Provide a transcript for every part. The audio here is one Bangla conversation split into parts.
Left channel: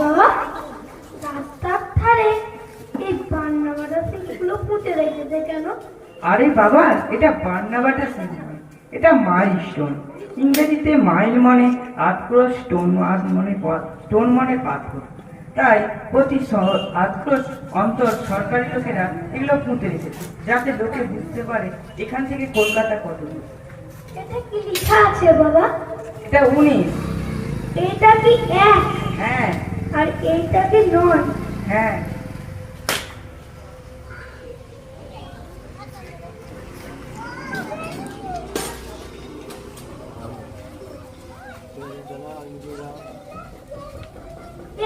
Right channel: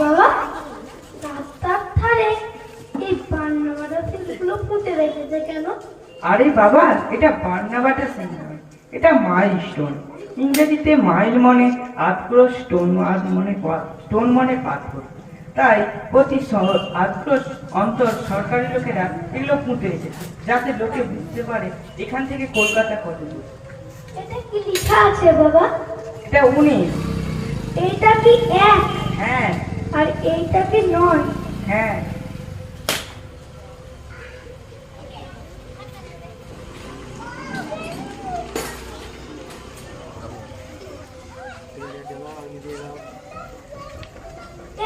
বাবা, রাস্তার ধারে এই বান্নাবাটা সিলগুলো পুঁতে রেখেছে কেন? আরে বাবা, এটা বান্নাবাটা সিল নয়, এটা মাইলস্টোন। ইংরেজিতে মাইল মানে আটক্রোশ, স্টোন মানে পাথর। তাই প্রতি আটক্রোশ অন্তর সরকারি লোকেরা এগুলো পুঁতে রেখেছে, যাতে লোকে বুঝতে পারে এখান থেকে কলকাতা কত দূর। এটা কি লেখা আছে বাবা? এটা 19। এটা কি 1? হ্যাঁ। আর এইটা কি 9? হ্যাঁ।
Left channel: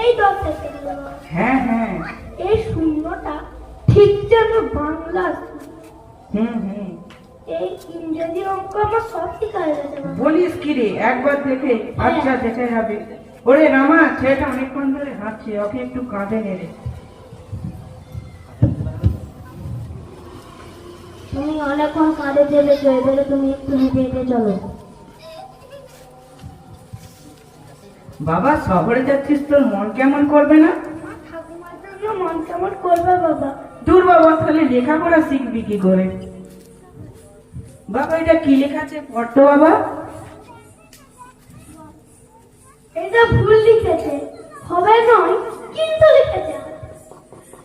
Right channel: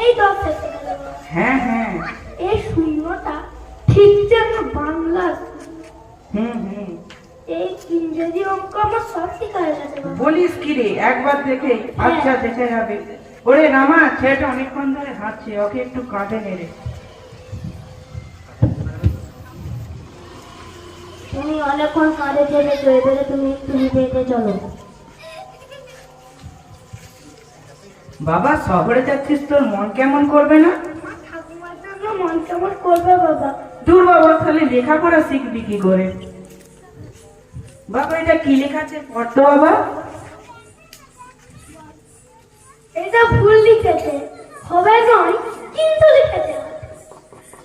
এই 10 থেকে গেল। হ্যাঁ হ্যাঁ। এই শূন্যটা ঠিক যেন বাংলা। এই ইংরেজি অঙ্ক আমার সব ঠিক হয়ে গেছে বাবা। বলিস কি রে, একবার দেখে আচ্ছা দেখে যাবে। ওরে রামা, ছেলেটা অনেকক্ষণ ধরে হাঁটছে, ওকে একটু কাঁধে নেড়ে। তুমি অনেকক্ষণ কাঁধে চেপেছো, এবারে তুমি একটু হেঁটে হেঁটে চলো। বাবা, শহরে যাচ্ছিস, তোর মন কেমন করবে না? আমার ঠাকুমার জন্য মন কেমন করবে বাবা? দূর বাবা, তাহলে লেখাপড়া শিখবি কি করে? বাবা, এটা কি লেখা আছে, পড়তো বাবা। এটা ভুল লিখেছে, হবে নয় কিন্তু লিখেছে।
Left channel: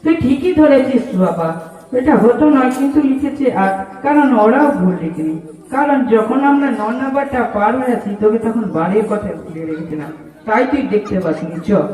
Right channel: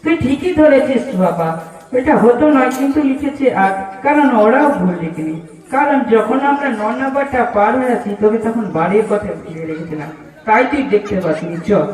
তুই ঠিকই ধরেছিস বাবা, এটা হতো নয় কিন্তু লিখেছে। আর কারণ ওরাও ভুল লিখেনি, কারণ যখন আমরা 9 নাম্বারটা পার হয়ে আসি তোকে তখন বাড়ির কথা ভুলে রেখেছিলাম, তাই তুই দেখতে পাসনি। চল।